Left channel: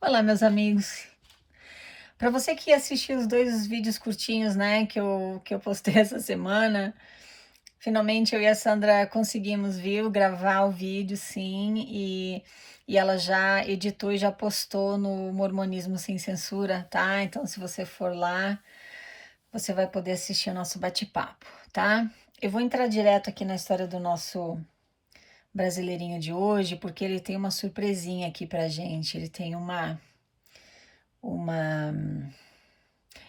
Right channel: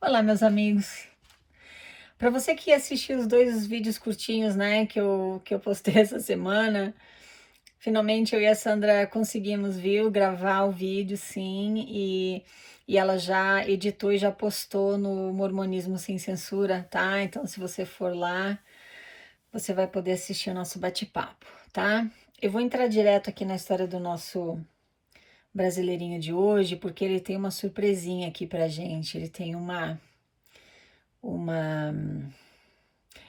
Olá, meus amigos. Para você que assistiu os dois vídeos curtinhos, né, que eu postei essa semana, finalmente eu e a Sandra conseguimos, viu, gravar o vídeo, sim, e ela já editou e já postou no Mormonismo Sem Censura, tá? Então, se você for lá, você vai poder assistir o nosso bate-papo, tá? Eu vou entrar direto aqui na história do nosso brasileirinho de hoje, porque ele tem uma surpresinha aqui pra gente. Uma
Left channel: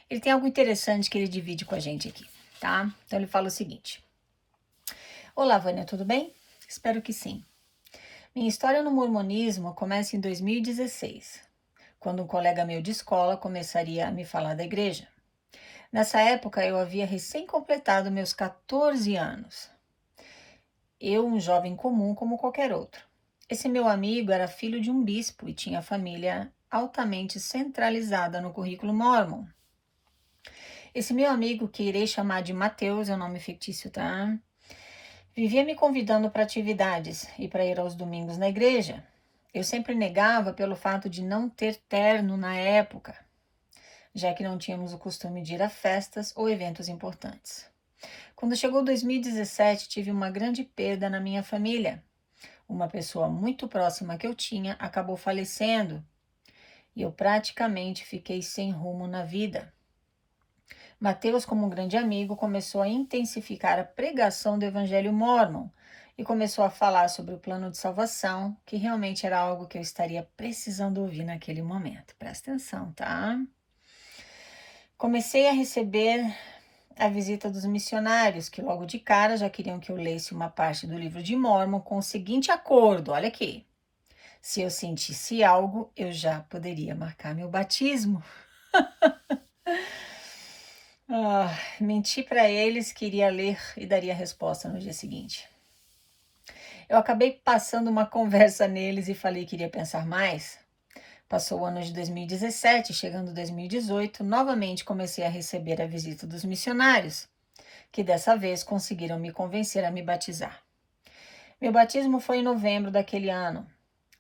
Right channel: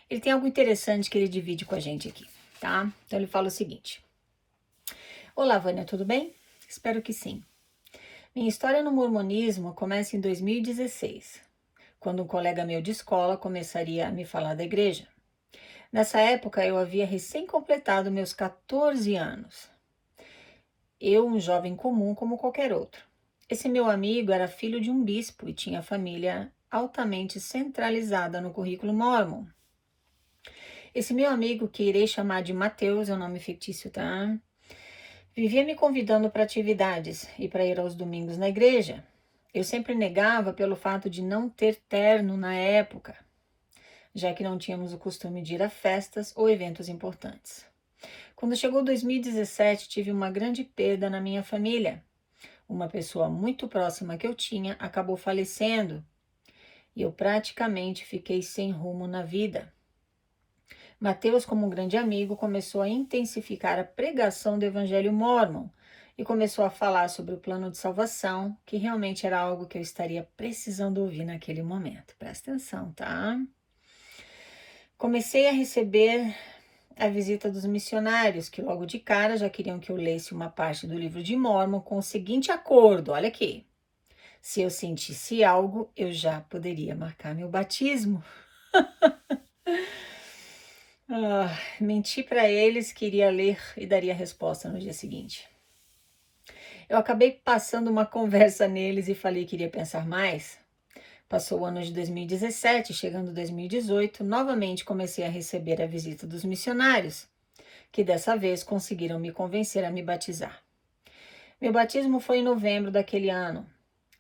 Ele tem algo interessante que ele divide com a gente aqui, tá? Então ele fala o seguinte: Olá, Vânia, tudo bem? Espero que sim. Minha história no mormonismo começa em 2016, quando um colega meu de escola começaria a me falar da igreja. Nessa época eu havia recém-completado meus 14 anos. Eu, um jovem comum como qualquer outro. Esse meu amigo era filho de um bispo e tinha família altamente centralizada no currículo Mormon. Esse meu amigo, que irei chamar de Mateus, é um nome fictício, tá? Vivia me convidando para atividades e para ir aos domingos na igreja. Eu sempre negava pelo fato de não ter terno na época, já que não tínhamos o costume de ir a festas ou eventos importantes. Quando chegou 2017, tive uma grande perda na minha família. Uma pessoa muito próxima que eu tinha acabou falecendo e eu praticamente fiquei sem rumo na vida. Mateus, como um grande amigo, começou a intensificar a pregação do Evangelho Mórmon e começou a falar sobre o plano de salvação, que realmente era algo que eu estaria precisando ouvir naquele momento. Presta atenção, tá? Comecei a receber a visita dos missionários, que logo de cara já queriam que eu lesse uma parte do livro de Mórmon com o seguinte acordo: olha aqui. Se eu sentisse algo, eu já poderia marcar meu batismo. Menti para eles que iria ler e daria resposta no dia seguinte. Eu acabei passando uma conversa neles e falei que iria pensar mais. Passou o ano de 2017, chegando 2018, novamente comecei a receber a visita dos missionários, que dessa vez conseguiram me convencer a me batizar. Meu batismo foi em novembro daquele ano.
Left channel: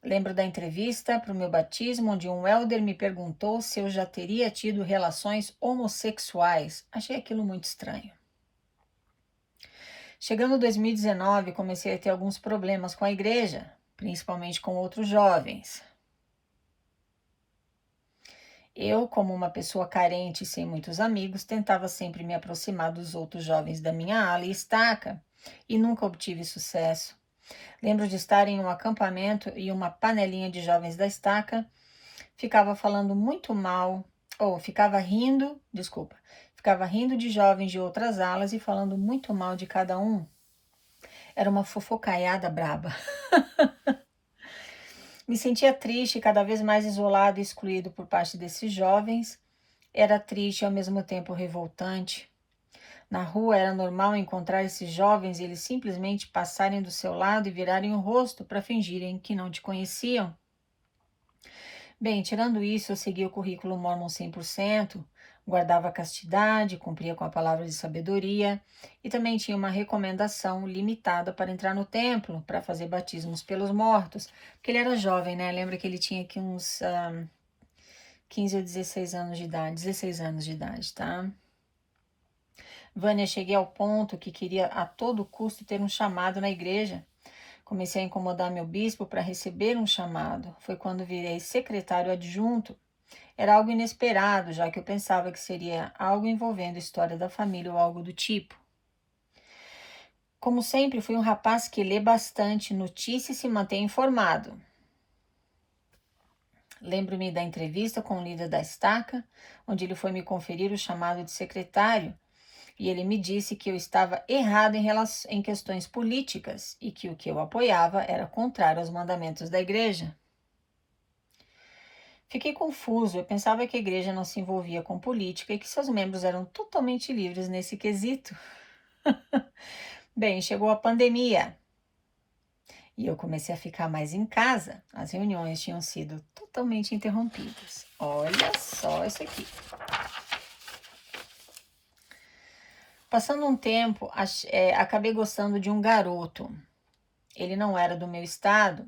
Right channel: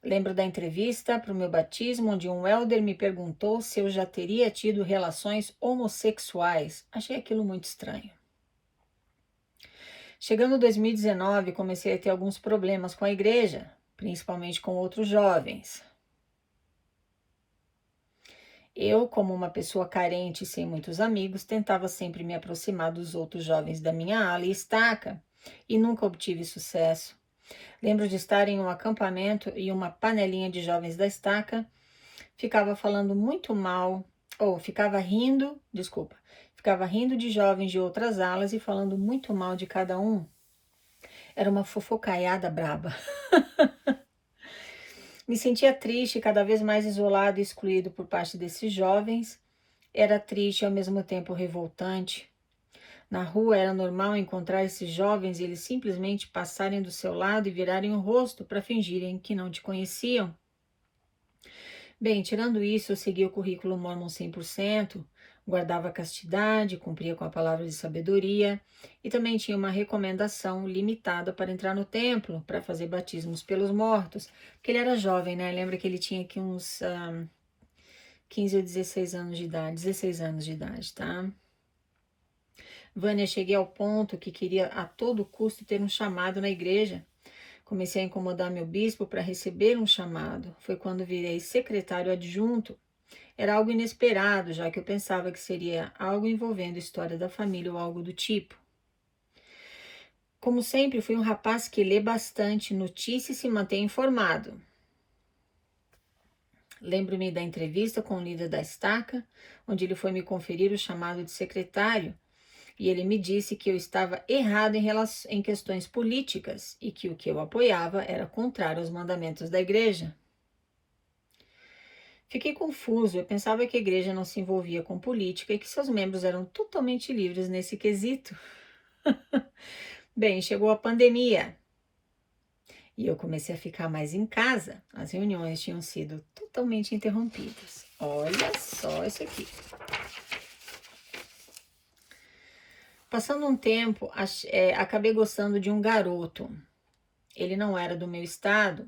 Lembro da entrevista para o meu batismo, onde um elder me perguntou se eu já teria tido relações homossexuais. Achei aquilo muito estranho. Chegando 2019, comecei a ter alguns problemas com a igreja, principalmente com outros jovens. Eu, como uma pessoa carente e sem muitos amigos, tentava sempre me aproximar dos outros jovens da minha ala e estaca, e nunca obtive sucesso. Lembro de estar em um acampamento e uma panelinha de jovens da estaca ficava falando muito mal, ou ficava rindo de jovens de outras alas e falando muito mal de cada um. Era uma fofocaiada braba. Me sentia triste e cada vez mais isolado e excluído por parte desses jovens. Era triste e ao mesmo tempo revoltante. Na rua era normal encontrar esses jovens e eles simplesmente passarem do seu lado e virarem o rosto para fingirem que não te conheciam. Bem, tirando isso, eu seguia o currículo Mormon 100%, guardava a castidade, cumpria com a palavra de sabedoria e também tinha uma recomendação limitada para entrar no templo para fazer batismos pelos mortos, porque ele era jovem, né? Lembra que ele tinha aqui uns 15 ou 16 anos de idade, 16 anos de idade, tá? Vânia, cheguei ao ponto que queria a todo custo ter um chamado na igreja. Comecei a incomodar meu bispo para receber um chamado. Foi quando virei secretário adjunto. Era algo inesperado, já que eu pensava que seria algo envolvendo história da família ou algo do tipo. Como sempre, fui um rapaz que lê bastante notícias e se mantém informado. Lembro-me da entrevista com o líder da estaca, onde ele foi me conferir o chamado de secretário, e ele me disse que eu estava errado em questões políticas e que o que eu apoiava era contrário aos mandamentos da igreja. Fiquei confuso, eu pensava que a igreja não se envolvia com política e que seus membros eram totalmente livres nesse quesito. Bem, chegou a pandemia e eu comecei a ficar mais em casa. As reuniões tinham sido totalmente interrompidas. Olha só isso aqui. Passando um tempo, acabei gostando de um garoto. Ele não era do meu estado,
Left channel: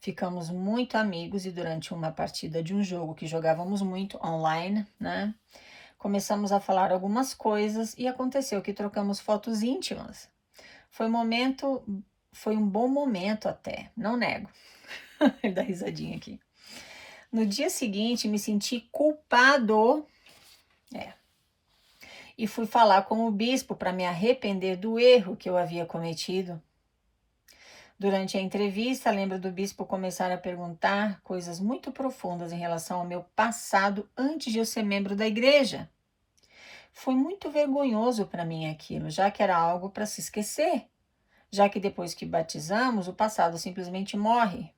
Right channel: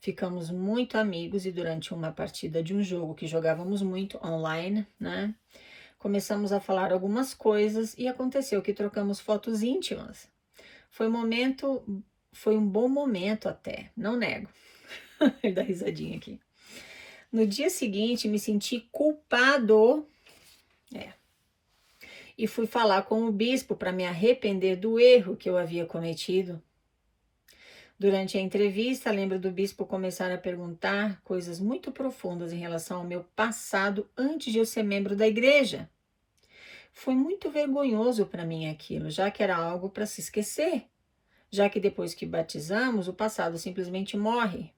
Ficamos muito amigos e durante uma partida de um jogo que jogávamos muito online, né? Começamos a falar algumas coisas e aconteceu que trocamos fotos íntimas. Foi um bom momento até, não nego. Ele dá risadinha aqui. No dia seguinte, me senti culpado, e fui falar com o bispo para me arrepender do erro que eu havia cometido. Durante a entrevista, lembro do bispo começar a perguntar coisas muito profundas em relação ao meu passado antes de eu ser membro da igreja. Foi muito vergonhoso para mim aquilo, já que era algo para se esquecer, já que depois que batizamos, o passado simplesmente morre.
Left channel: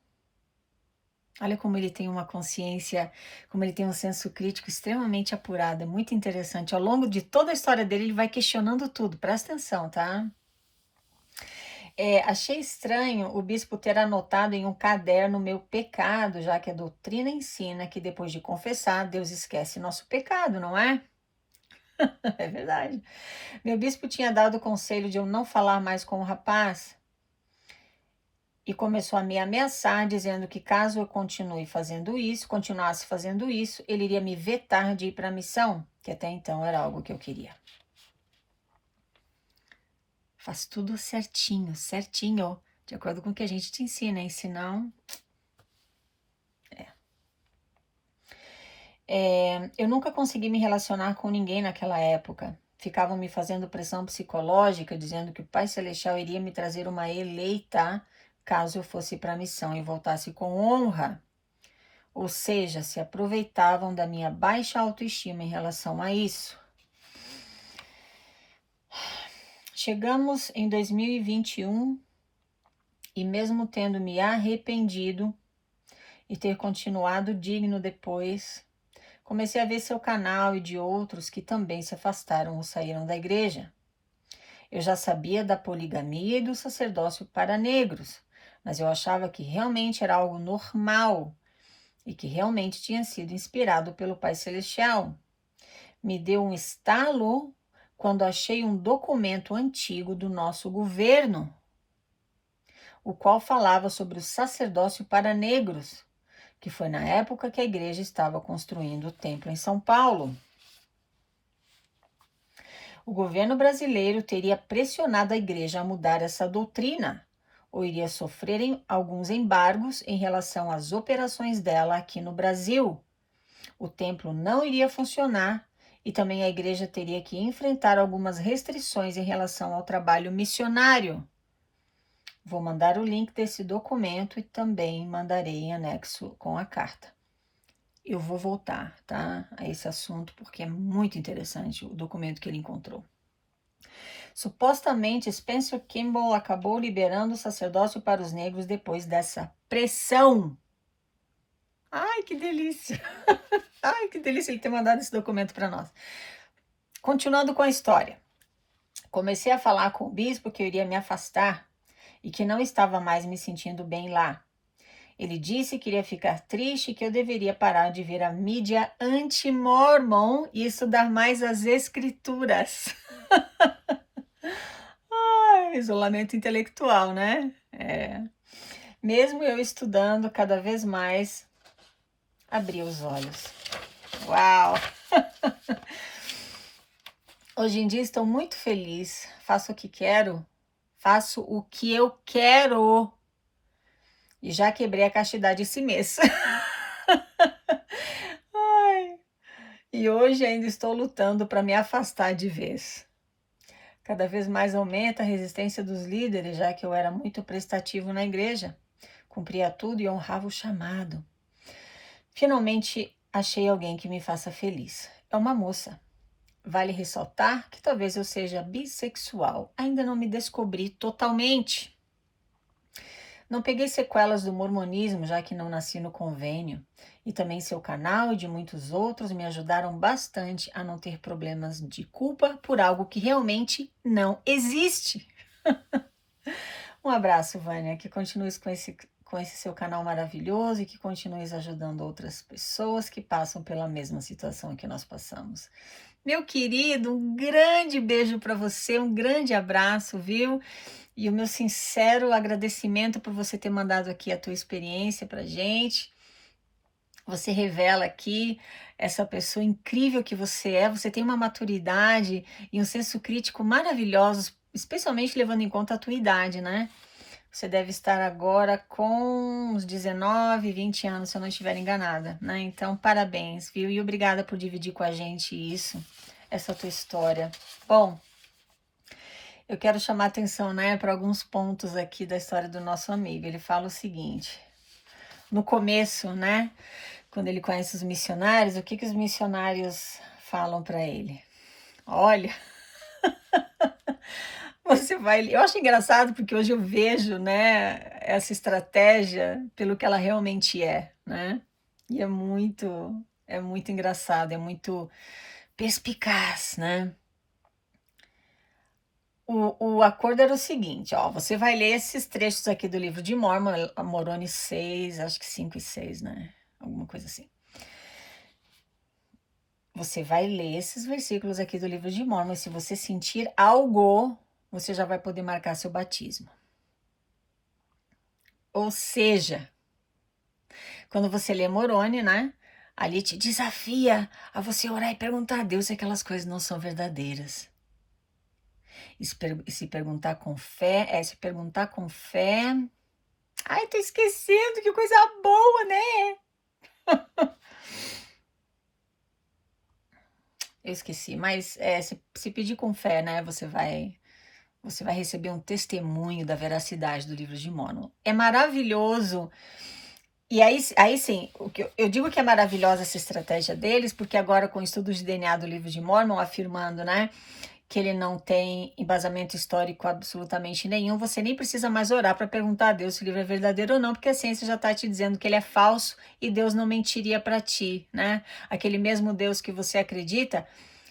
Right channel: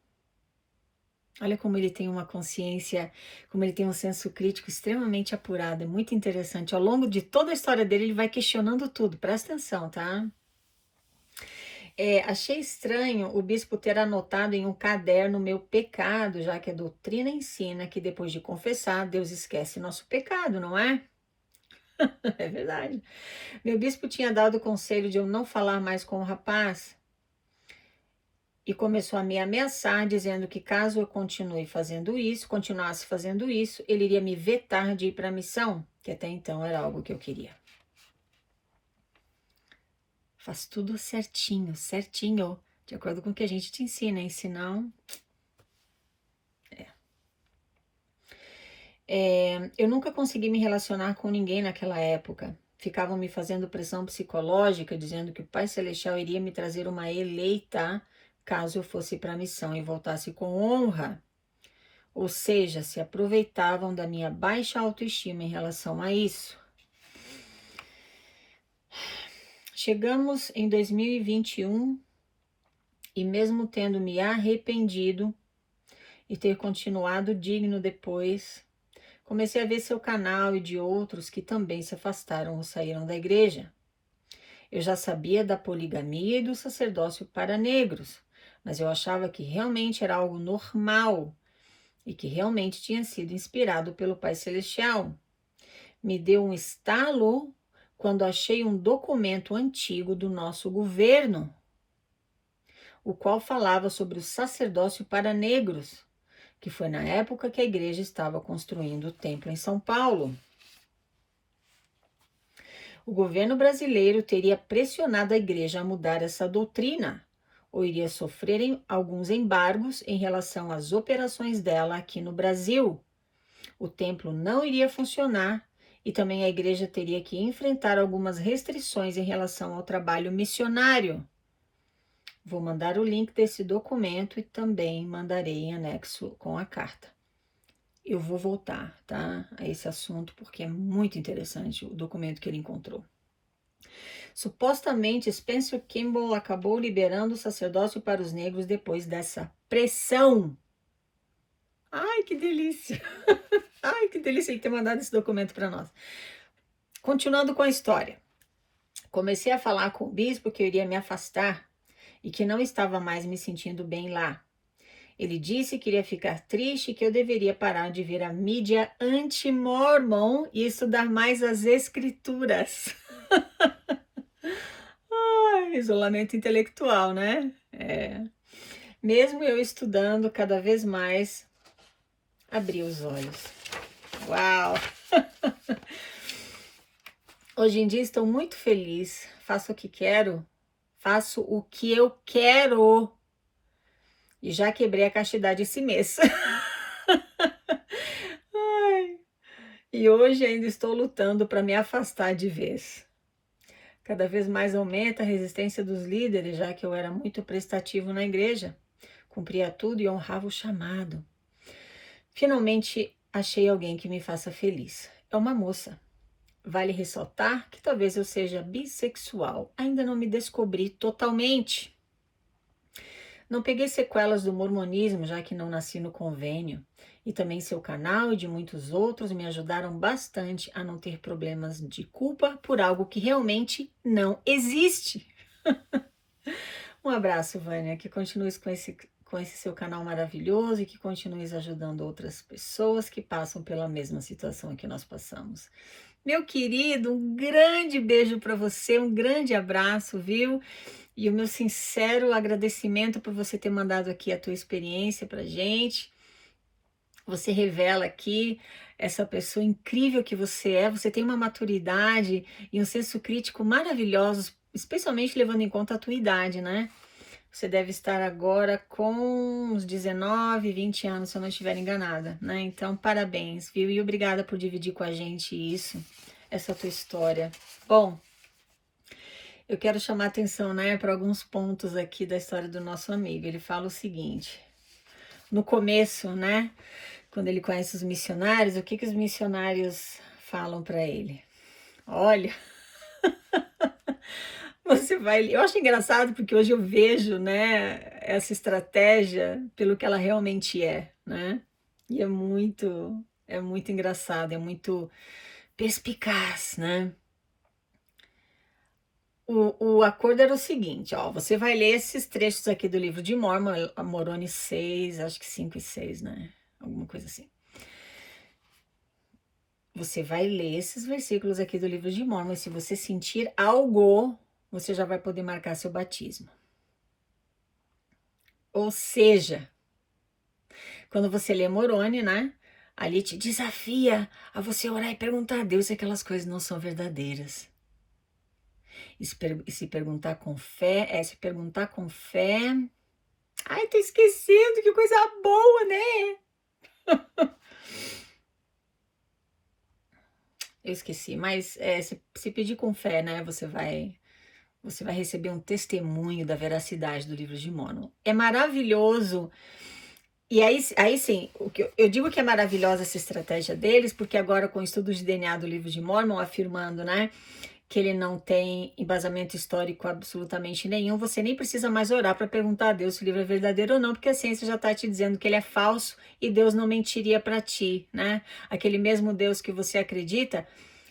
Olha como ele tem uma consciência, como ele tem um senso crítico extremamente apurado, é muito interessante. Ao longo de toda a história dele, ele vai questionando tudo, presta atenção, tá? Achei estranho o bispo ter anotado em um caderno meu pecado, já que a doutrina ensina que depois de confessar, Deus esquece nosso pecado, não é? É verdade. Meu bispo tinha dado o conselho de eu não falar mais com o rapaz e começou a me ameaçar, dizendo que caso eu continuasse fazendo isso, ele iria me vetar de ir para a missão, que até então era algo que eu queria. Faz tudo certinho, certinho, de acordo com o que a gente te ensina, hein? Senão... eu nunca consegui me relacionar com ninguém naquela época. Ficavam me fazendo pressão psicológica, dizendo que o Pai Celestial iria me trazer uma eleita caso eu fosse para a missão e voltasse com honra. Ou seja, se aproveitavam da minha baixa autoestima em relação a isso. Chegamos em 2021 e mesmo tendo me arrependido e ter continuado digno depois, comecei a ver seu canal e de outros que também se afastaram ou saíram da igreja. Eu já sabia da poligamia e do sacerdócio para negros, mas eu achava que realmente era algo normal e que realmente tinha sido inspirado pelo Pai Celestial. Me deu um estalo quando achei um documento antigo do nosso governo, o qual falava sobre o sacerdócio para negros, que foi na época que a igreja estava construindo o templo em São Paulo. O governo brasileiro teria pressionado a igreja a mudar essa doutrina, ou iria sofrer alguns embargos em relação às operações dela aqui no Brasil. O templo não iria funcionar e também a igreja teria que enfrentar algumas restrições em relação ao trabalho missionário. Vou mandar o link desse documento e também mandarei em anexo com a carta. Eu vou voltar, tá, a esse assunto porque é muito interessante o documento que ele encontrou. Supostamente, Spencer Kimball acabou liberando o sacerdócio para os negros depois dessa pressão. Ai, que delícia! Ai, que delícia ele ter mandado esse documento para nós. Continuando com a história. Comecei a falar com o bispo que eu iria me afastar e que não estava mais me sentindo bem lá. Ele disse que iria ficar triste e que eu deveria parar de ver a mídia anti-mormon e estudar mais as escrituras. Ai, isolamento intelectual, né? Mesmo eu estudando cada vez mais, abri os olhos. Uau! Hoje em dia estou muito feliz, faço o que quero, faço o que eu quero e já quebrei a castidade esse mês. Ai, e hoje ainda estou lutando para me afastar de vez. Cada vez mais aumenta a resistência dos líderes, já que eu era muito prestativo na igreja, cumpria tudo e honrava o chamado. Finalmente achei alguém que me faça feliz. É uma moça. Vale ressaltar que talvez eu seja bissexual. Ainda não me descobri totalmente. Não peguei sequelas do mormonismo, já que não nasci no convênio. E também seu canal e de muitos outros me ajudaram bastante a não ter problemas de culpa por algo que realmente não existe. Um abraço, Vânia, que continues com esse seu canal maravilhoso e que continues ajudando outras pessoas que passam pela mesma situação que nós passamos. Meu querido, um grande beijo para você, um grande abraço, viu? E o meu sincero agradecimento por você ter mandado aqui a tua experiência pra gente. Você revela aqui essa pessoa incrível que você é. Você tem uma maturidade e um senso crítico maravilhosos, especialmente levando em conta a tua idade, né? Você deve estar agora com uns 19, 20 anos, se eu não estiver enganada, né? Então, parabéns, viu? E obrigada por dividir com a gente isso, essa tua história. Bom, eu quero chamar atenção, né, para alguns pontos aqui da história do nosso amigo. Ele fala o seguinte: no começo, né, quando ele conhece os missionários, o que que os missionários falam para ele? Olha, você vai. Eu acho engraçado porque hoje eu vejo, né, essa estratégia pelo que ela realmente é, né? E é muito engraçado, é muito perspicaz, né? O acordo era o seguinte, ó, você vai ler esses trechos aqui do livro de Mormon, Moroni 6, acho que 5 e 6, né? Alguma coisa assim. Você vai ler esses versículos aqui do livro de Mormon, e se você sentir algo, você já vai poder marcar seu batismo. Ou seja, quando você lê Moroni, né? Ali te desafia a você orar e perguntar a Deus se aquelas coisas não são verdadeiras. E se perguntar com fé, se perguntar com fé. Ai, tô esquecendo, que coisa boa, né? Eu esqueci, mas se pedir com fé, né? Você vai receber um testemunho da veracidade do livro de Mormon. É maravilhoso. E aí sim, o que eu digo que é maravilhosa essa estratégia deles, porque agora com o estudo de DNA do livro de Mormon, afirmando, né, que ele não tem embasamento histórico absolutamente nenhum, você nem precisa mais orar para perguntar a Deus se o livro é verdadeiro ou não, porque a ciência já está te dizendo que ele é falso e Deus não mentiria para ti, né? Aquele mesmo Deus que você acredita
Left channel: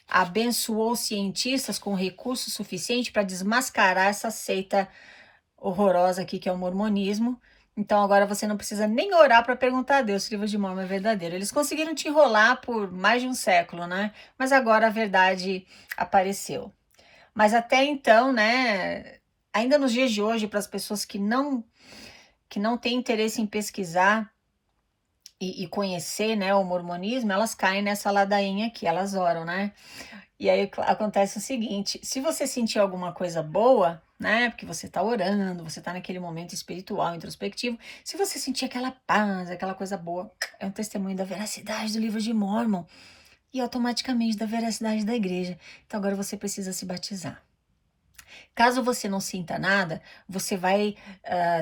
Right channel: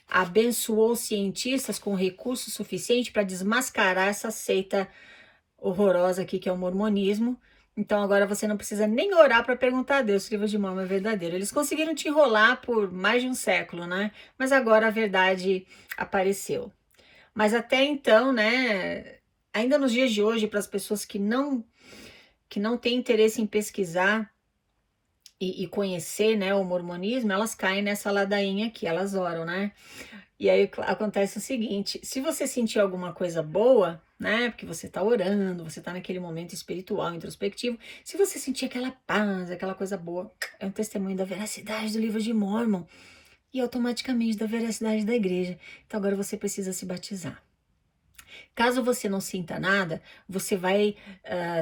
abençoou cientistas com recurso suficiente para desmascarar essa seita horrorosa aqui que é o mormonismo. Então agora você não precisa nem orar para perguntar a Deus se o livro de Mormon é verdadeiro. Eles conseguiram te enrolar por mais de um século, né? Mas agora a verdade apareceu. Mas até então, né? Ainda nos dias de hoje, para as pessoas que não têm interesse em pesquisar e conhecer, né, o mormonismo, elas caem nessa ladainha aqui, elas oram, né? E aí acontece o seguinte: se você sentir alguma coisa boa, né, porque você está orando, você está naquele momento espiritual, introspectivo, se você sentir aquela paz, aquela coisa boa, é um testemunho da veracidade do livro de Mormon e automaticamente da veracidade da igreja. Então agora você precisa se batizar. Caso você não sinta nada, você vai,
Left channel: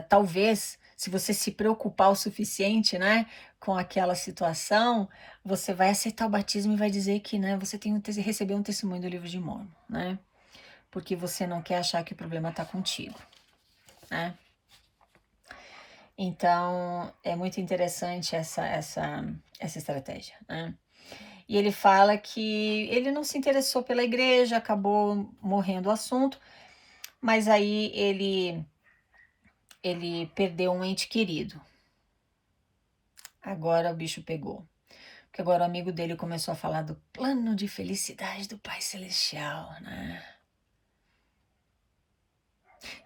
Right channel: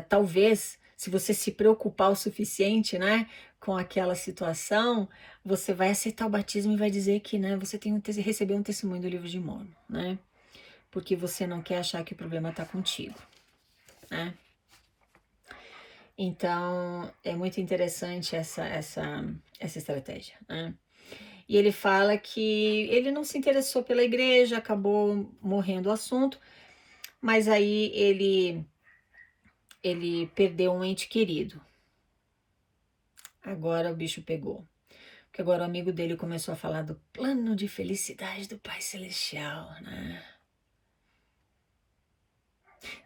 talvez, se você se preocupar o suficiente, né, com aquela situação, você vai aceitar o batismo e vai dizer que, né, você recebeu um testemunho do livro de Mormon, né, porque você não quer achar que o problema está contigo, né. Então, é muito interessante essa estratégia, né. E ele fala que ele não se interessou pela igreja, acabou morrendo o assunto, mas aí ele perdeu um ente querido. Agora o bicho pegou. Porque agora o amigo dele começou a falar do plano de felicidade do Pai Celestial, né?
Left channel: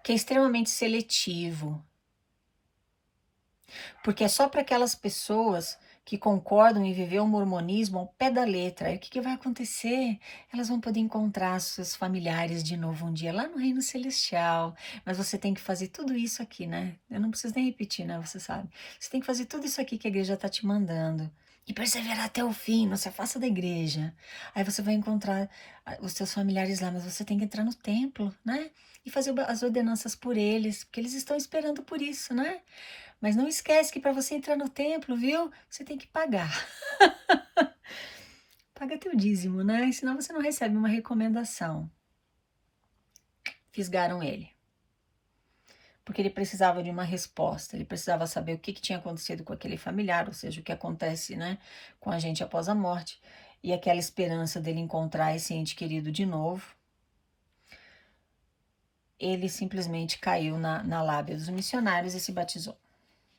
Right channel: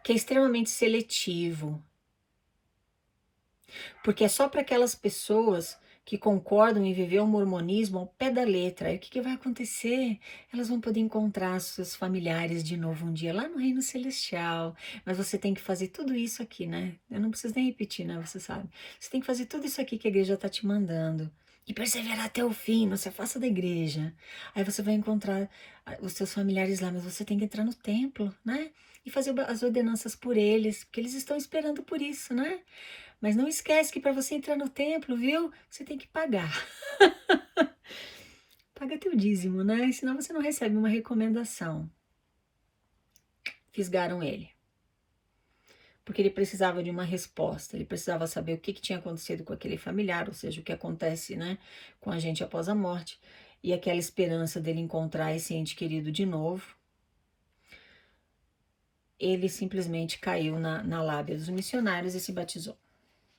Que é extremamente seletivo. Porque é só para aquelas pessoas que concordam em viver o mormonismo ao pé da letra. Aí o que, que vai acontecer? Elas vão poder encontrar seus familiares de novo um dia lá no Reino Celestial. Mas você tem que fazer tudo isso aqui, né? Eu não preciso nem repetir, né? Você sabe. Você tem que fazer tudo isso aqui que a igreja está te mandando. E perseverar até o fim, não se afasta da igreja. Aí você vai encontrar os seus familiares lá, mas você tem que entrar no templo, né? E fazer as ordenanças por eles, porque eles estão esperando por isso, né? Mas não esquece que para você entrar no templo, viu? Você tem que pagar. Paga teu dízimo, né? Senão você não recebe uma recomendação. Fisgaram ele. Porque ele precisava de uma resposta. Ele precisava saber o que tinha acontecido com aquele familiar, ou seja, o que acontece, né, com a gente após a morte. E aquela esperança dele encontrar esse ente querido de novo. Ele simplesmente caiu na lábia dos missionários e se batizou.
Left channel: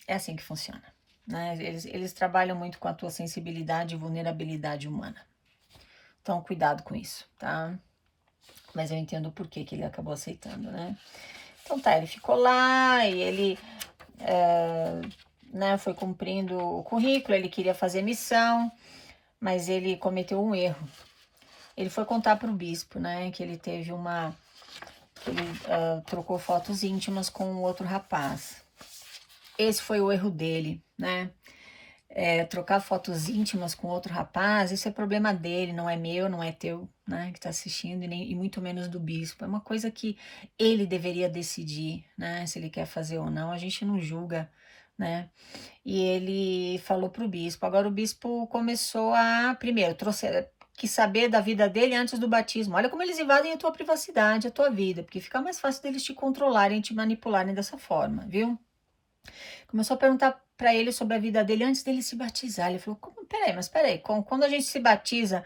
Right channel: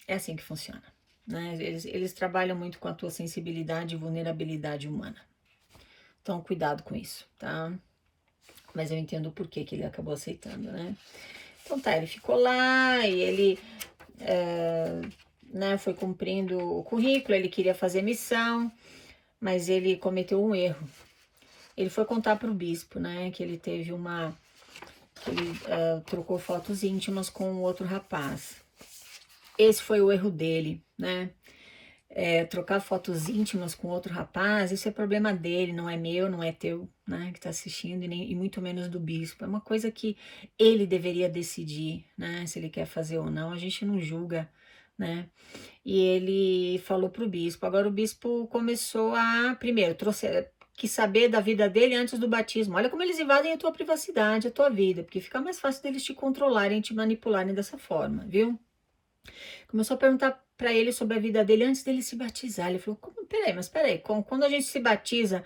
É assim que funciona. Né? Eles trabalham muito com a tua sensibilidade e vulnerabilidade humana. Então, cuidado com isso, tá? Mas eu entendo por que ele acabou aceitando, né? Então tá, ele ficou lá e ele né, foi cumprindo o currículo, ele queria fazer missão, mas ele cometeu um erro. Ele foi contar para o bispo, né, que ele teve que ele trocou fotos íntimas com outro rapaz. Esse foi o erro dele, né? Trocar fotos íntimas com outro rapaz, isso é problema dele, não é meu, não é teu, né, que tá assistindo, e muito menos do bispo. É uma coisa que ele deveria decidir, né, se ele quer fazer ou não, a gente não julga, né. E ele falou pro bispo, agora o bispo começou primeiro, quis saber da vida dele antes do batismo. Olha como eles invadem a tua privacidade, a tua vida, porque fica mais fácil deles te controlarem, te manipularem dessa forma, viu? Começou a perguntar para ele sobre a vida dele antes dele se batizar. Ele falou: peraí, quando a gente se batiza,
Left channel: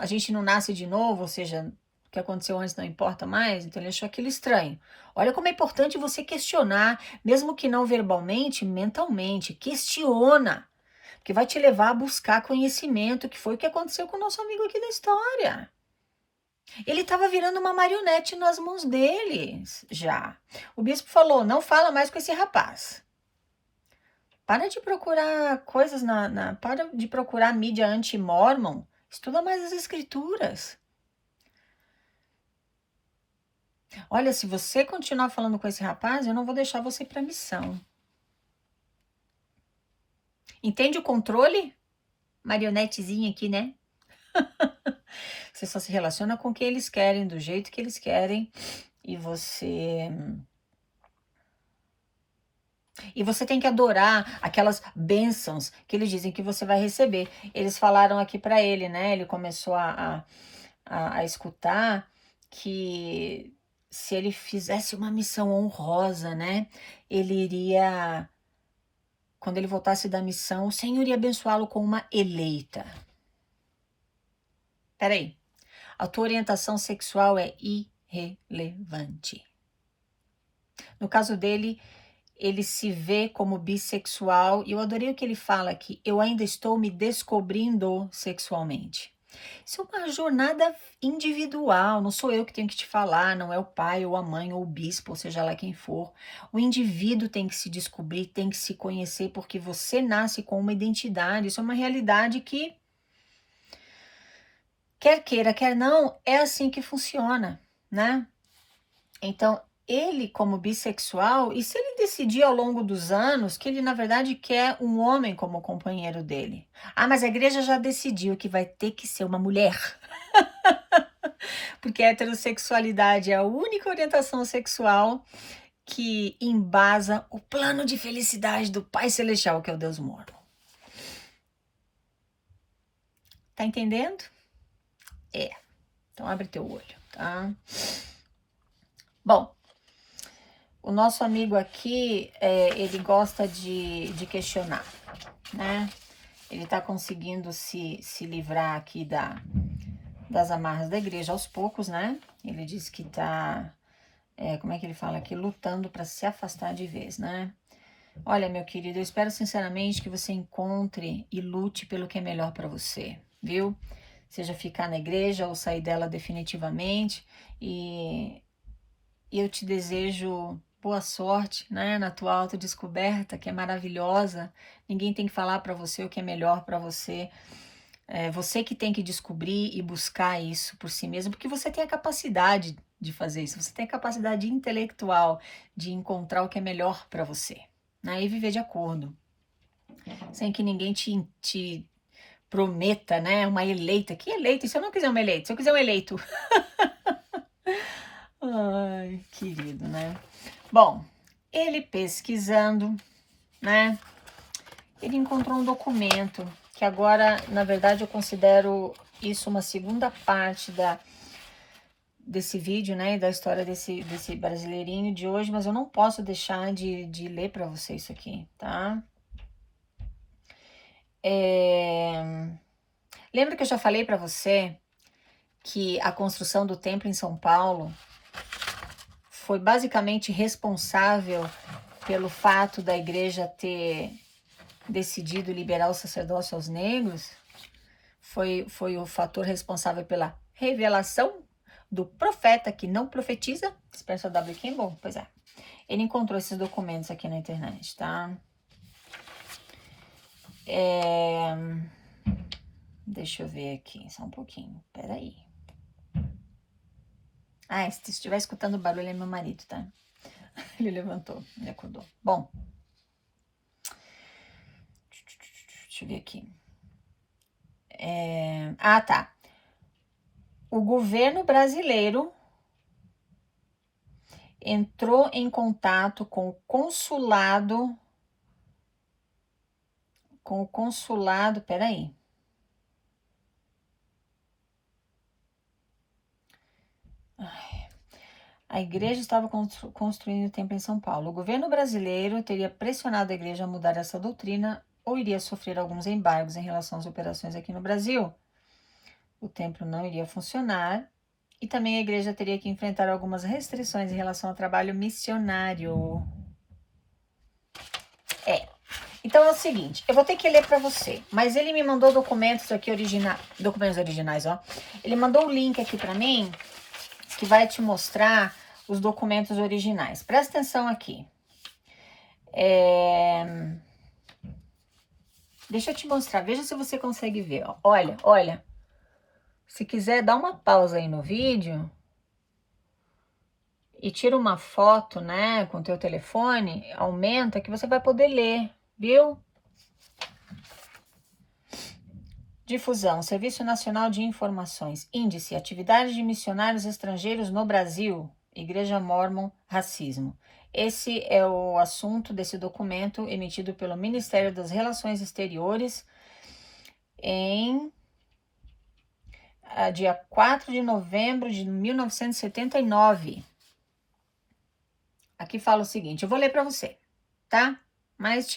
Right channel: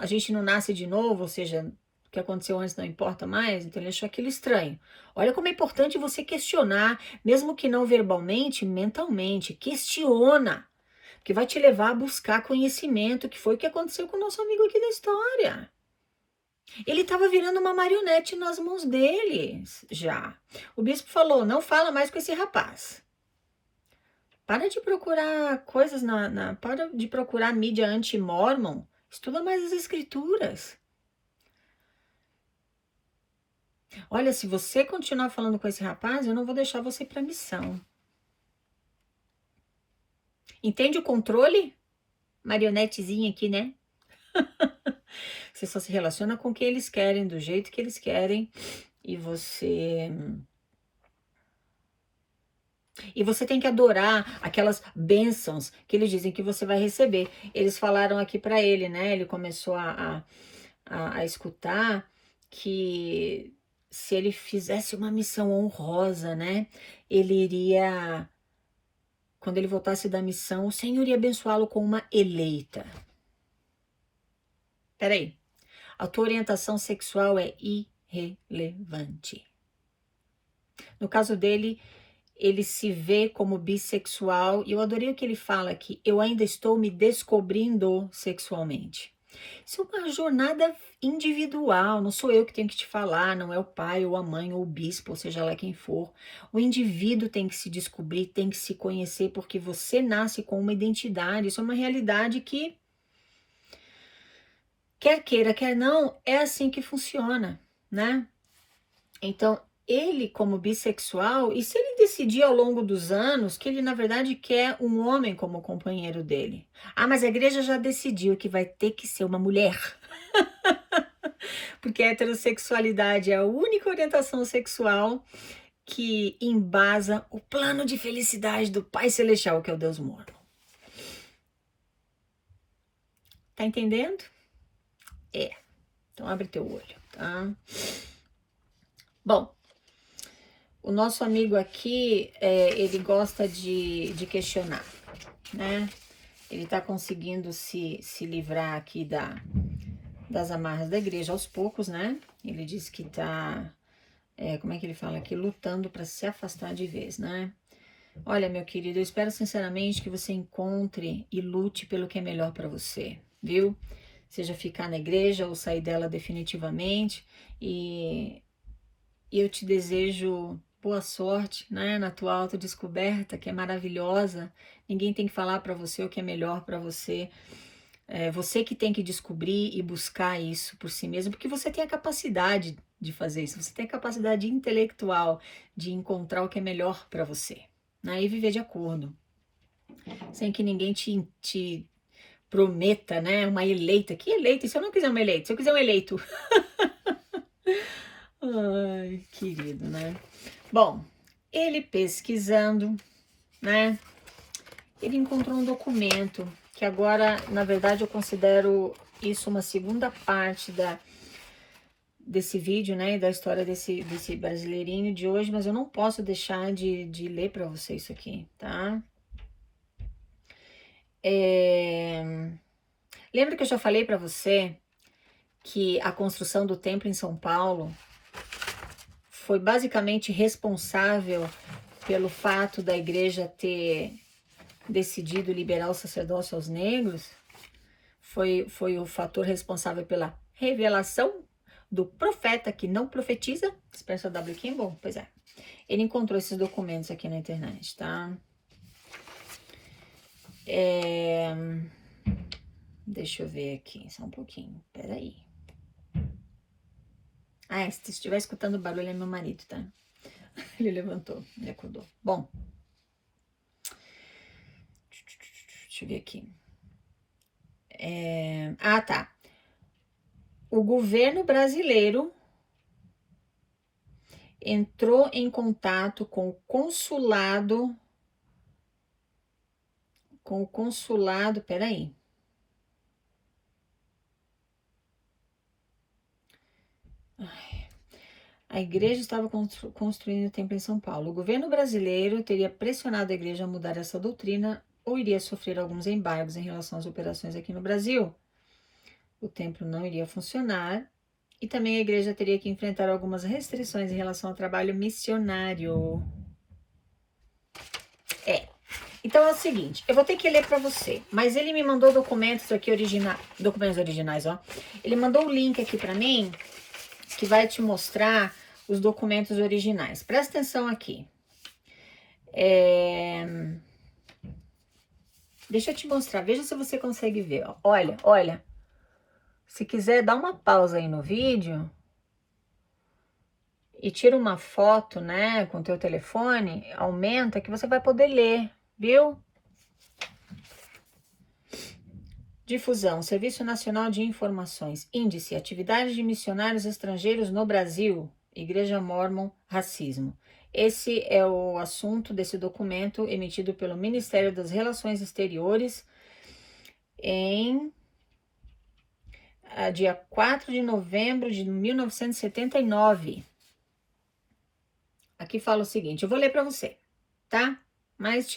a gente não nasce de novo, ou seja, o que aconteceu antes não importa mais. Então ele achou aquilo estranho. Olha como é importante você questionar, mesmo que não verbalmente, mentalmente. Questiona, porque vai te levar a buscar conhecimento, que foi o que aconteceu com o nosso amigo aqui da história. Ele estava virando uma marionete nas mãos deles, já. O bispo falou: não fala mais com esse rapaz. Para de procurar coisas para de procurar mídia anti-mormon. Estuda mais as escrituras. Olha, se você continuar falando com esse rapaz, eu não vou deixar você ir para a missão. Entende o controle? Marionetezinha aqui, né? Você só se relaciona com o que eles querem, do jeito que eles querem, e você tem que adorar aquelas bênçãos que eles dizem que você vai receber. Eles falaram aqui para ele, né? Ele começou a escutar que se ele fizesse uma missão honrosa, né? Ele iria, quando ele voltasse da missão, o Senhor iria abençoá-lo com uma eleita. Peraí, a tua orientação sexual é irrelevante. No caso dele, ele se vê como bissexual, e eu adorei o que ele fala aqui: eu ainda estou me descobrindo sexualmente. Isso é uma jornada individual, não sou eu que tenho que te falar, não é o pai ou a mãe ou o bispo, ou seja lá quem for. O indivíduo tem que se descobrir, tem que se conhecer, porque você nasce com uma identidade, isso é uma realidade que, quer queira, quer não, é assim que funciona, né? Então, ele como bissexual, e se ele decidir ao longo dos anos que ele na verdade quer um homem como companheiro dele? Ah, mas a igreja já decidiu que vai ter que ser uma mulher. Porque a heterossexualidade é a única orientação sexual que embasa o plano de felicidade do Pai Celestial, que é o Deus Mormon. Tá entendendo? Então abre teu olho, tá? Bom, o nosso amigo aqui, ele gosta de questionar, né? Ele tá conseguindo se livrar aqui das amarras da igreja aos poucos, né? Ele disse que tá, como é que ele fala aqui? Lutando para se afastar de vez, né? Olha, meu querido, eu espero sinceramente que você encontre e lute pelo que é melhor para você, viu? Seja ficar na igreja ou sair dela definitivamente. E eu te desejo boa sorte, né, na tua autodescoberta, que é maravilhosa. Ninguém tem que falar para você o que é melhor para você. É você que tem que descobrir e buscar isso por si mesmo, porque você tem a capacidade de fazer isso. Você tem a capacidade intelectual de encontrar o que é melhor para você, né, e viver de acordo, sem que ninguém te prometa, né, uma eleita. Que eleita? E se eu não quiser uma eleita? Se eu quiser um eleito? Ai, querido, né? Bom, ele pesquisando, né? Ele encontrou um documento que agora, na verdade, eu considero isso uma segunda parte desse vídeo, né? Da história desse brasileirinho de hoje, mas eu não posso deixar de ler para você isso aqui, tá? Lembra que eu já falei para você que a construção do templo em São Paulo foi basicamente responsável pelo fato da igreja ter decidido liberar o sacerdócio aos negros? Foi o fator responsável pela revelação do profeta que não profetiza, Spencer W. Kimball, pois é. Ele encontrou esses documentos aqui na internet, tá? Deixa eu ver aqui, só um pouquinho, peraí. Se estiver escutando barulho é meu marido, tá? Ele levantou, ele acordou. Bom, deixa eu ver aqui. Tá. O governo brasileiro entrou em contato com o consulado, peraí. A igreja estava construindo o templo em São Paulo. O governo brasileiro teria pressionado a igreja a mudar essa doutrina ou iria sofrer alguns embargos em relação às operações aqui no Brasil. O templo não iria funcionar e também a igreja teria que enfrentar algumas restrições em relação ao trabalho missionário. Então é o seguinte, eu vou ter que ler para você, mas ele me mandou documentos aqui documentos originais, ó. Ele mandou o link aqui para mim que vai te mostrar os documentos originais. Presta atenção aqui. Deixa eu te mostrar, veja se você consegue ver. Ó. Olha. Se quiser, dá uma pausa aí no vídeo e tira uma foto, né, com o teu telefone, aumenta que você vai poder ler, viu? Difusão, Serviço Nacional de Informações, Índice, Atividades de Missionários Estrangeiros no Brasil, Igreja Mórmon, Racismo. Esse é o assunto desse documento emitido pelo Ministério das Relações Exteriores em dia 4 de novembro de 1979. Aqui fala o seguinte, eu vou ler para você, tá? Mas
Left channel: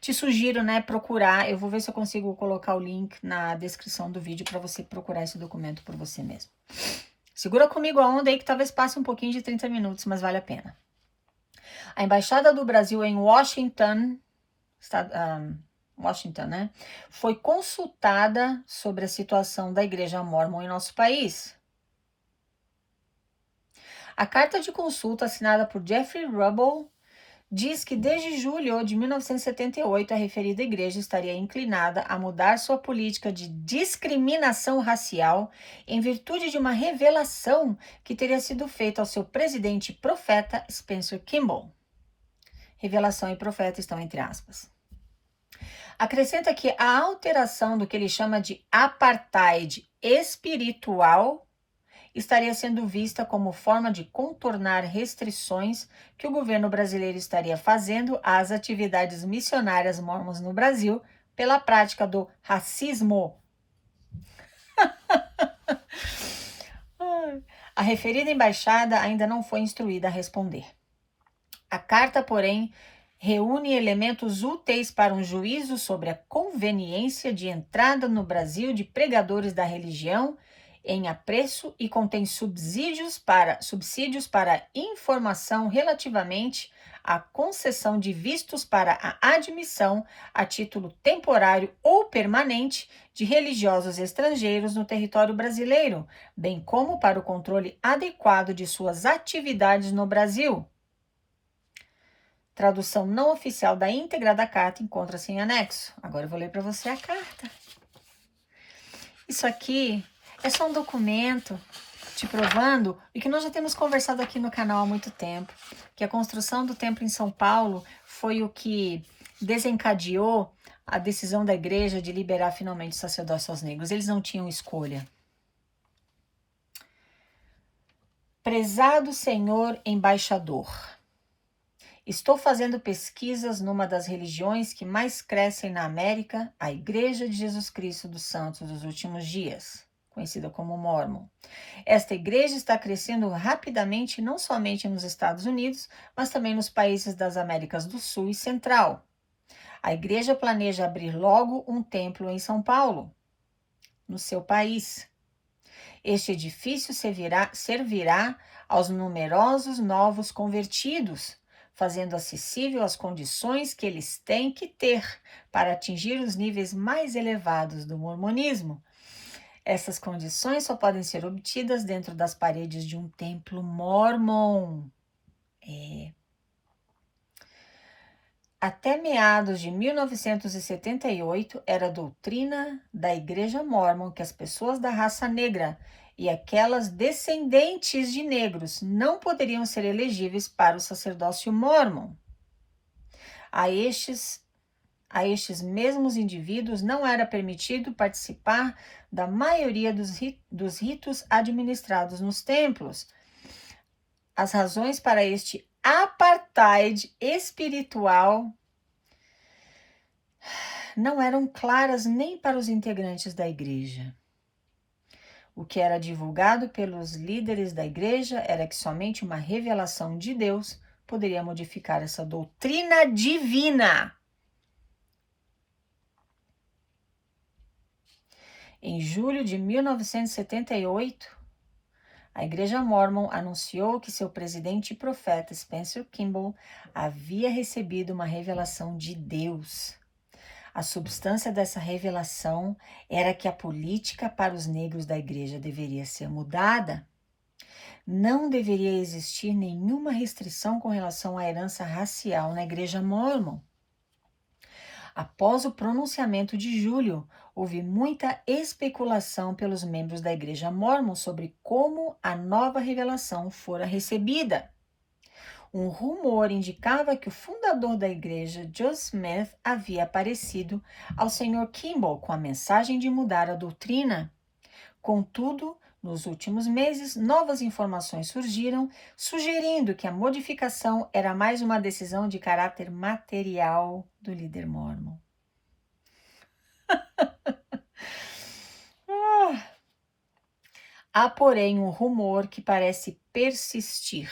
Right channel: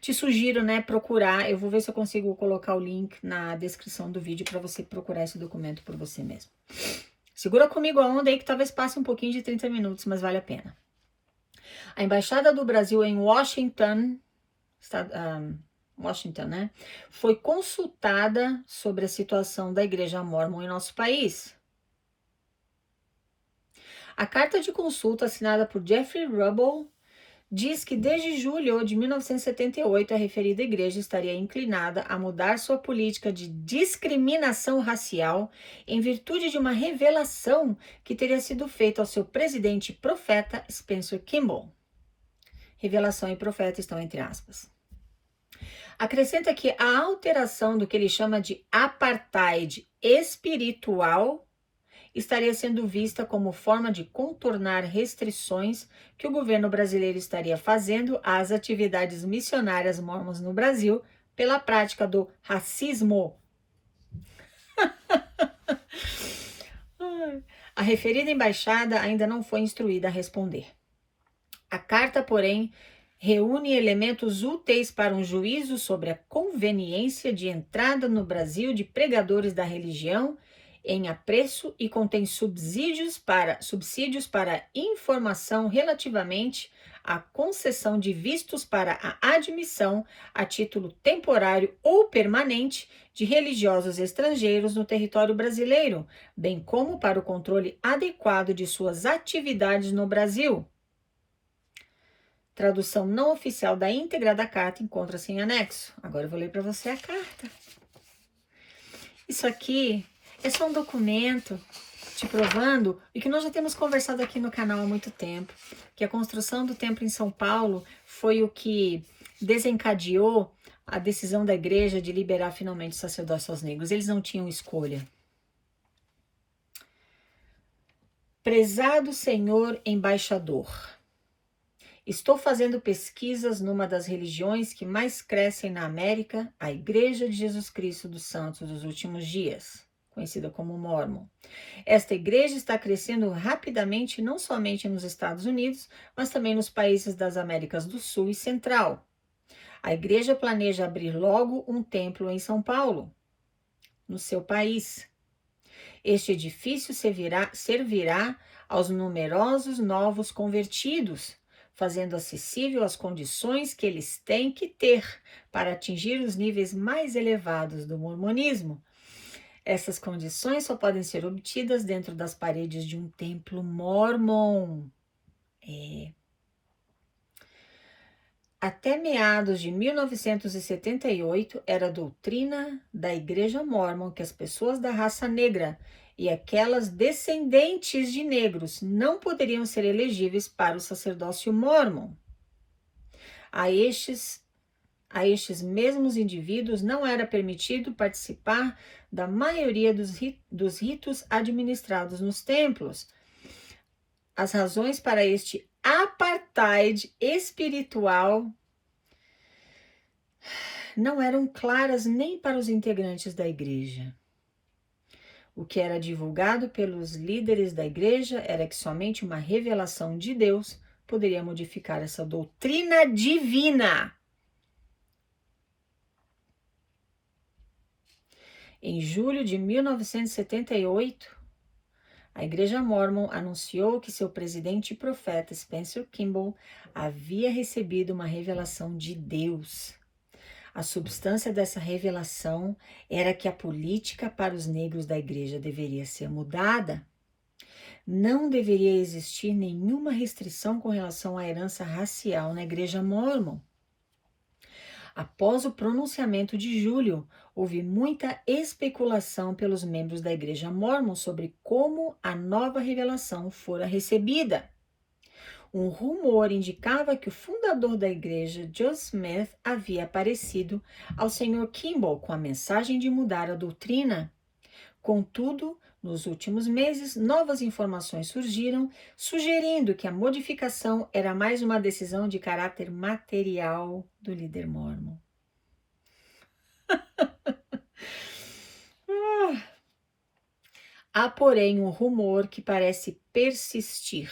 te sugiro, né, procurar. Eu vou ver se eu consigo colocar o link na descrição do vídeo para você procurar esse documento por você mesmo. Segura comigo a onda aí que talvez passe um pouquinho de 30 minutos, mas vale a pena. A Embaixada do Brasil em Washington, né, foi consultada sobre a situação da Igreja Mórmon em nosso país. A carta de consulta assinada por Jeffrey Rubble diz que desde julho de 1978 a referida igreja estaria inclinada a mudar sua política de discriminação racial em virtude de uma revelação que teria sido feita ao seu presidente profeta Spencer Kimball. Revelação e profeta estão entre aspas. Acrescenta que a alteração do que ele chama de apartheid espiritual estaria sendo vista como forma de contornar restrições que o governo brasileiro estaria fazendo às atividades missionárias mórmons no Brasil pela prática do racismo. A referida embaixada ainda não foi instruída a responder. A carta, porém, reúne elementos úteis para um juízo sobre a conveniência de entrada no Brasil de pregadores da religião em apreço e contém subsídios para informação relativamente à concessão de vistos para a admissão a título temporário ou permanente de religiosos estrangeiros no território brasileiro, bem como para o controle adequado de suas atividades no Brasil. Tradução não oficial da íntegra da carta encontra-se em anexo. Agora eu vou ler para você a carta. Isso aqui é só um documento te provando o que nós já temos conversado aqui no canal há muito tempo, que a construção do templo em São Paulo foi o que desencadeou a decisão da igreja de liberar finalmente o sacerdócio aos negros. Eles não tinham escolha. Prezado senhor embaixador, estou fazendo pesquisas numa das religiões que mais crescem na América, a Igreja de Jesus Cristo dos Santos dos Últimos Dias, conhecida como Mórmon. Esta igreja está crescendo rapidamente não somente nos Estados Unidos, mas também nos países das Américas do Sul e Central. A igreja planeja abrir logo um templo em São Paulo, no seu país. Este edifício servirá aos numerosos novos convertidos, fazendo acessível as condições que eles têm que ter para atingir os níveis mais elevados do mormonismo. Essas condições só podem ser obtidas dentro das paredes de um templo mórmon. Até meados de 1978, era a doutrina da Igreja Mórmon que as pessoas da raça negra e aquelas descendentes de negros não poderiam ser elegíveis para o sacerdócio mórmon. A estes mesmos indivíduos não era permitido participar da maioria dos ritos administrados nos templos. As razões para este apartheid espiritual não eram claras nem para os integrantes da igreja. O que era divulgado pelos líderes da igreja era que somente uma revelação de Deus poderia modificar essa doutrina divina. Em julho de 1978, a Igreja Mórmon anunciou que seu presidente e profeta Spencer Kimball havia recebido uma revelação de Deus. A substância dessa revelação era que a política para os negros da igreja deveria ser mudada. Não deveria existir nenhuma restrição com relação à herança racial na Igreja Mórmon. Após o pronunciamento de julho, houve muita especulação pelos membros da Igreja Mórmon sobre como a nova revelação fora recebida. Um rumor indicava que o fundador da igreja, Joseph Smith, havia aparecido ao Sr. Kimball com a mensagem de mudar a doutrina. Contudo, nos últimos meses, novas informações surgiram, sugerindo que a modificação era mais uma decisão de caráter material do líder mórmon. Há, porém, um rumor que parece persistir.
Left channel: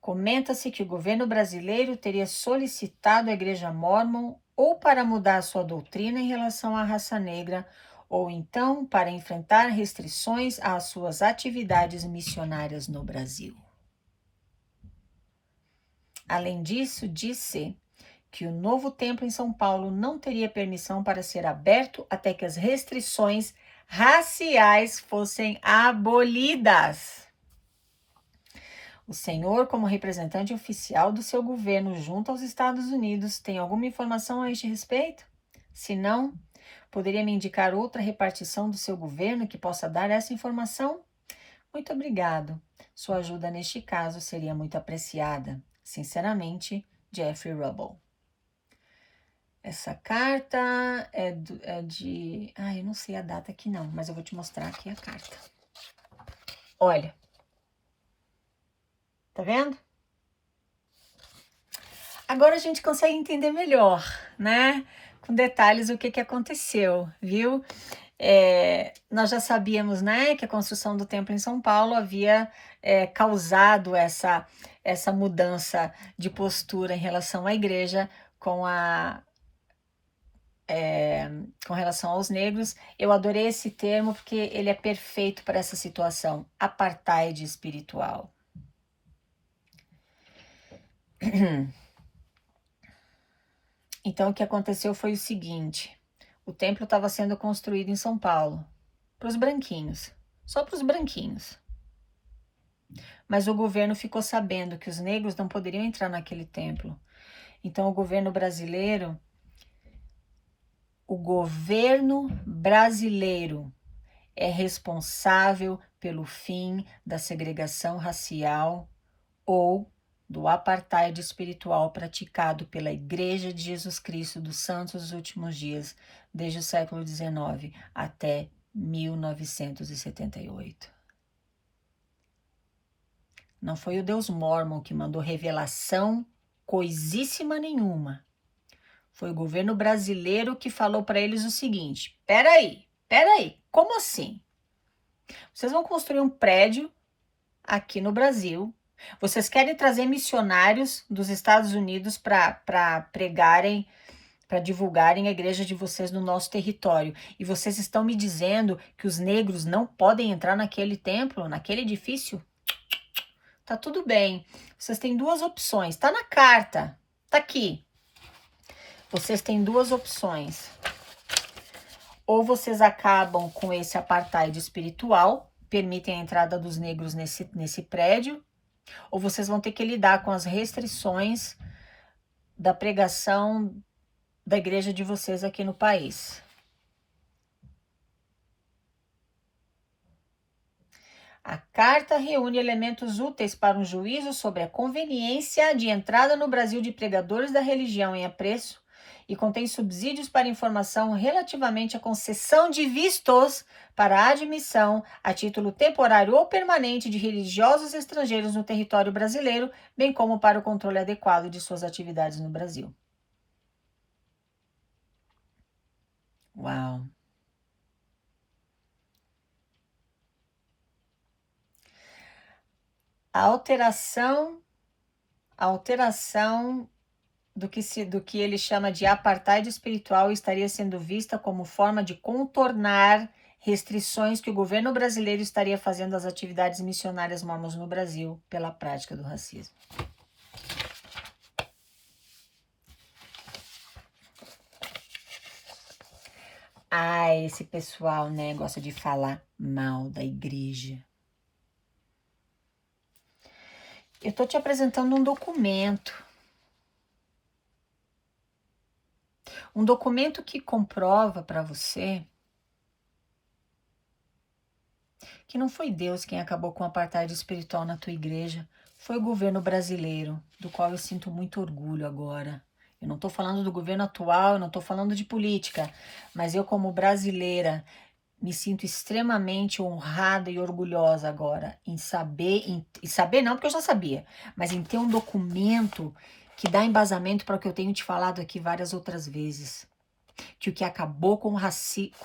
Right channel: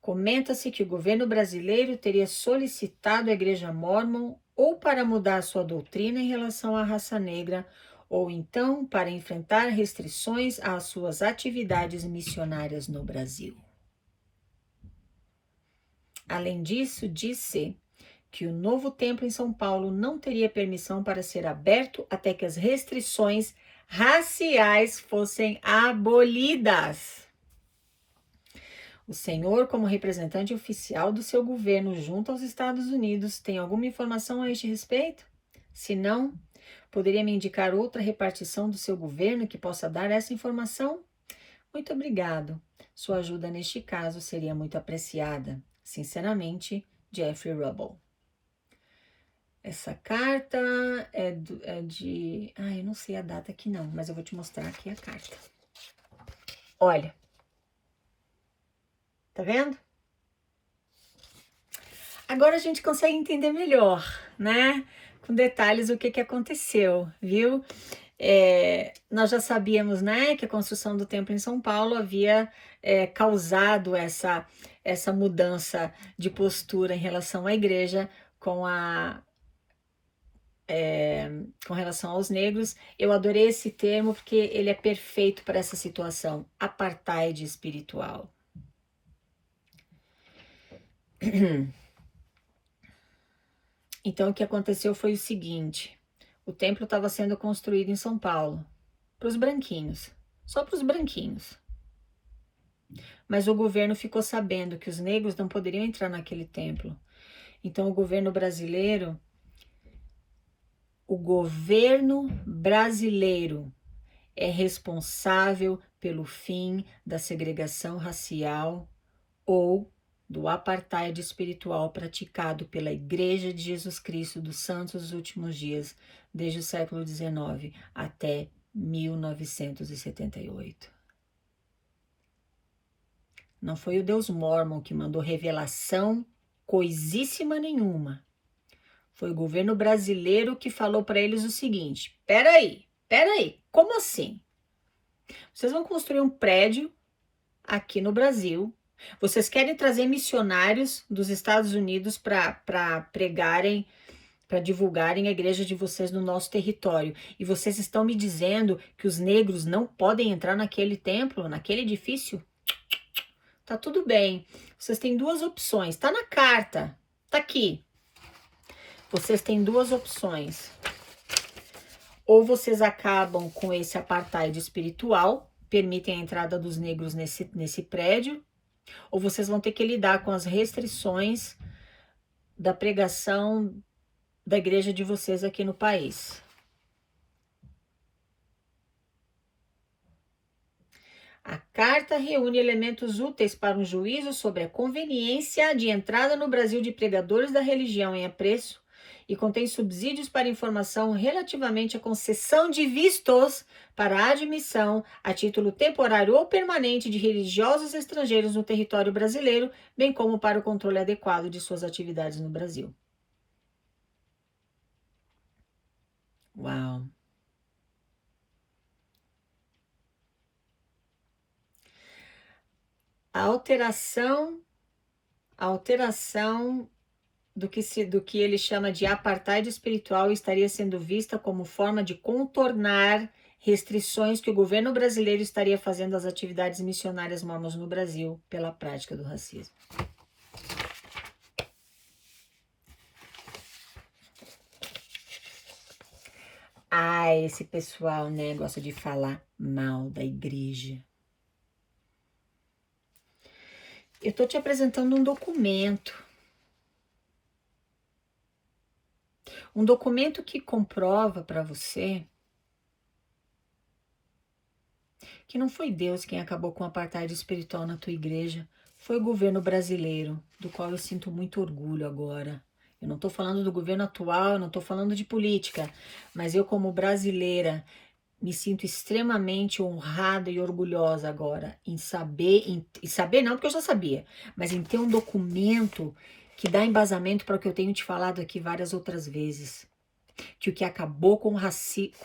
Comenta-se que o governo brasileiro teria solicitado a Igreja Mórmon ou para mudar sua doutrina em relação à raça negra, ou então para enfrentar restrições às suas atividades missionárias no Brasil. Além disso, disse que o novo templo em São Paulo não teria permissão para ser aberto até que as restrições raciais fossem abolidas. O senhor, como representante oficial do seu governo junto aos Estados Unidos, tem alguma informação a este respeito? Se não, poderia me indicar outra repartição do seu governo que possa dar essa informação? Muito obrigado. Sua ajuda neste caso seria muito apreciada. Sinceramente, Jeffrey Rubble. Essa carta é de... eu não sei a data aqui não, mas eu vou te mostrar aqui a carta. Olha. Tá vendo? Agora a gente consegue entender melhor, né? Com detalhes o que aconteceu, viu? Nós já sabíamos, né, que a construção do templo em São Paulo havia causado essa mudança de postura em relação à igreja com relação aos negros. Eu adorei esse termo porque ele é perfeito para essa situação, apartheid espiritual. Então, o que aconteceu foi o seguinte: o templo estava sendo construído em São Paulo, para os branquinhos, só para os branquinhos. Mas o governo ficou sabendo que os negros não poderiam entrar naquele templo. Então, o governo brasileiro é responsável pelo fim da segregação racial ou do apartheid espiritual praticado pela Igreja de Jesus Cristo dos Santos dos Últimos Dias, desde o século XIX até 1978. Não foi o Deus Mórmon que mandou revelação coisíssima nenhuma. Foi o governo brasileiro que falou para eles o seguinte: peraí, como assim? Vocês vão construir um prédio aqui no Brasil. Vocês querem trazer missionários dos Estados Unidos para pregarem, para divulgarem a igreja de vocês no nosso território. E vocês estão me dizendo que os negros não podem entrar naquele templo, naquele edifício? Tá tudo bem. Vocês têm duas opções. Tá na carta. Tá aqui. Vocês têm duas opções. Ou vocês acabam com esse apartheid espiritual, permitem a entrada dos negros nesse prédio, ou vocês vão ter que lidar com as restrições da pregação da igreja de vocês aqui no país. A carta reúne elementos úteis para um juízo sobre a conveniência de entrada no Brasil de pregadores da religião em apreço e contém subsídios para informação relativamente à concessão de vistos para a admissão a título temporário ou permanente de religiosos estrangeiros no território brasileiro, bem como para o controle adequado de suas atividades no Brasil. Uau! A alteração do que ele chama de apartheid espiritual estaria sendo vista como forma de contornar restrições que o governo brasileiro estaria fazendo às atividades missionárias mormons no Brasil pela prática do racismo. Ah, esse pessoal, né, gosta de falar mal da igreja. Eu estou te apresentando um documento. Um documento que comprova para você que não foi Deus quem acabou com o apartheid espiritual na tua igreja, foi o governo brasileiro, do qual eu sinto muito orgulho agora. Eu não estou falando do governo atual, eu não estou falando de política, mas eu como brasileira me sinto extremamente honrada e orgulhosa agora em saber não porque eu já sabia, mas em ter um documento que dá embasamento para o que eu tenho te falado aqui várias outras vezes. Que o que acabou com a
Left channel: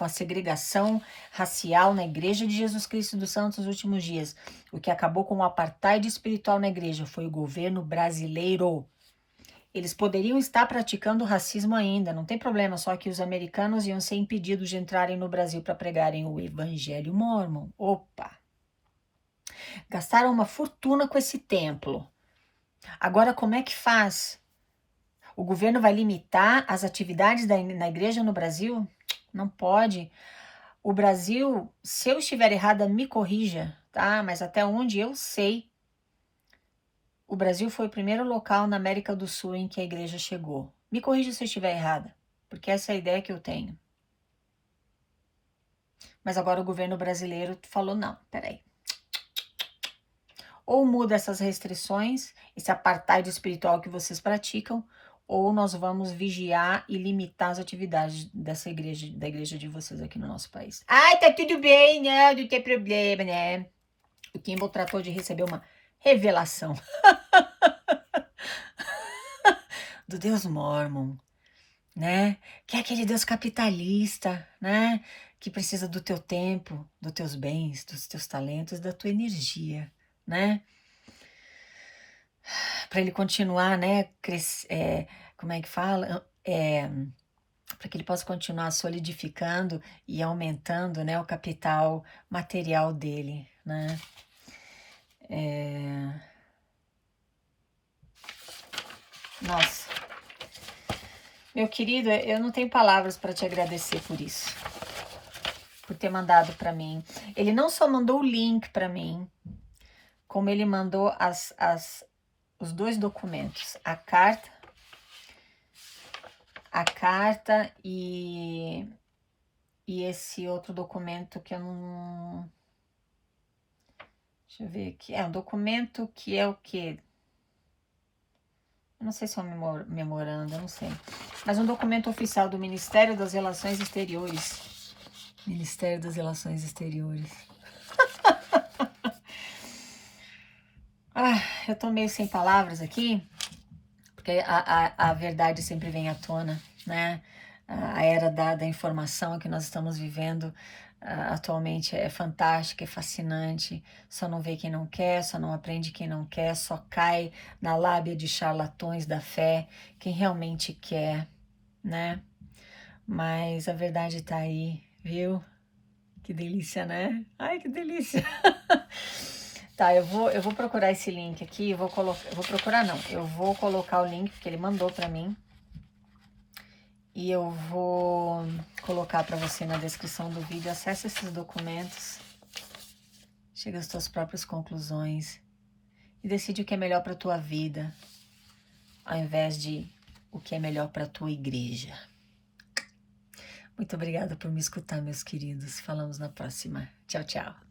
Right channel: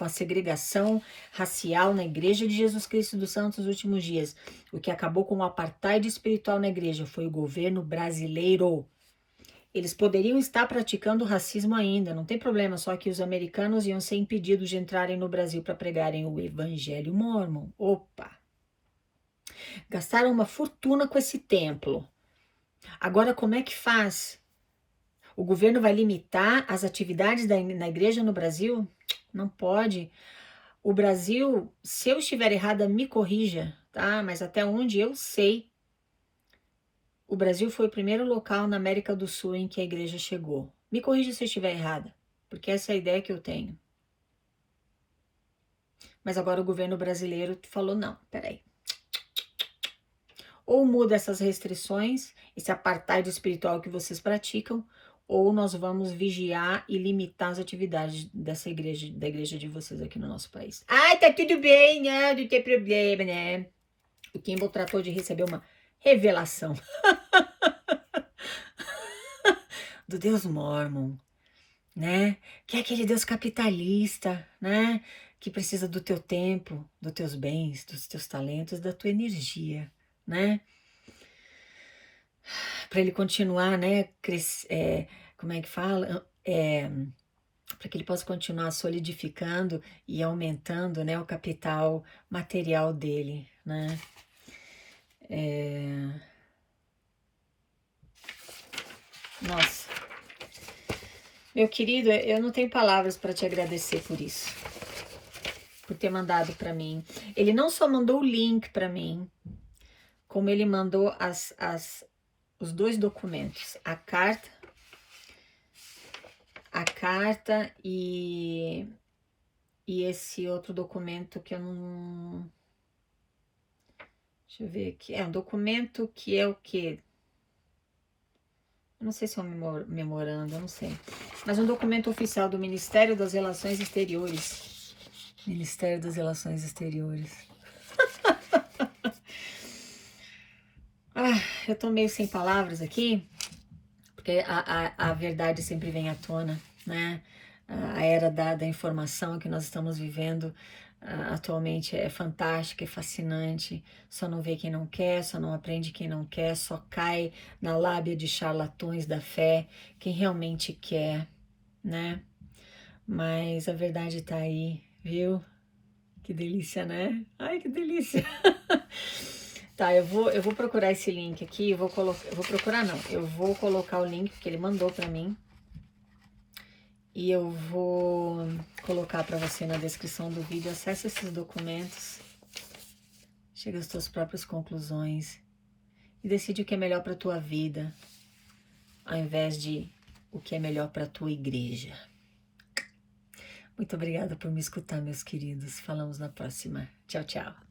segregação racial na Igreja de Jesus Cristo dos Santos nos últimos dias, o que acabou com o apartheid espiritual na igreja foi o governo brasileiro. Eles poderiam estar praticando racismo ainda, não tem problema, só que os americanos iam ser impedidos de entrarem no Brasil para pregarem o evangelho mórmon. Opa! Gastaram uma fortuna com esse templo. Agora, como é que faz? O governo vai limitar as atividades na igreja no Brasil? Não pode. O Brasil, se eu estiver errada, me corrija, tá? Mas até onde eu sei, o Brasil foi o primeiro local na América do Sul em que a igreja chegou. Me corrija se eu estiver errada, porque essa é a ideia que eu tenho. Mas agora o governo brasileiro falou, não, peraí. Ou muda essas restrições, esse apartheid espiritual que vocês praticam, ou nós vamos vigiar e limitar as atividades dessa igreja, da igreja de vocês aqui no nosso país. Ai, tá tudo bem, né? Não tem problema, né? O Kimball tratou de receber uma revelação do Deus Mormon, né? Que é aquele Deus capitalista, né? Que precisa do teu tempo, dos teus bens, dos teus talentos, da tua energia, né? Para ele continuar, né? Como é que fala? Para que ele possa continuar solidificando e aumentando, né, o capital material dele, né? Nossa, meu querido, eu não tenho palavras para te agradecer por isso, por ter mandado para mim. Ele não só mandou o link para mim, como ele mandou os dois documentos, a carta e esse outro documento que eu não... Deixa eu ver aqui. É um documento que é o quê? Eu não sei se é um memorando, eu não sei. Mas um documento oficial do Ministério das Relações Exteriores. Ministério das Relações Exteriores. Eu tô meio sem palavras aqui, porque a verdade sempre vem à tona, né? A era da informação que nós estamos vivendo atualmente é fantástica, é fascinante. Só não vê quem não quer, só não aprende quem não quer, só cai na lábia de charlatões da fé quem realmente quer, né? Mas a verdade tá aí, viu? Que delícia, né? Ai, que delícia! Tá, eu vou procurar esse link aqui, eu vou colocar o link que ele mandou pra mim. E eu vou colocar colocar para você na descrição do vídeo. Acesse esses documentos, chega às tuas próprias conclusões e decide o que é melhor para tua vida, ao invés de o que é melhor para tua igreja. Muito obrigada por me escutar, meus queridos. Falamos na próxima. Tchau, tchau.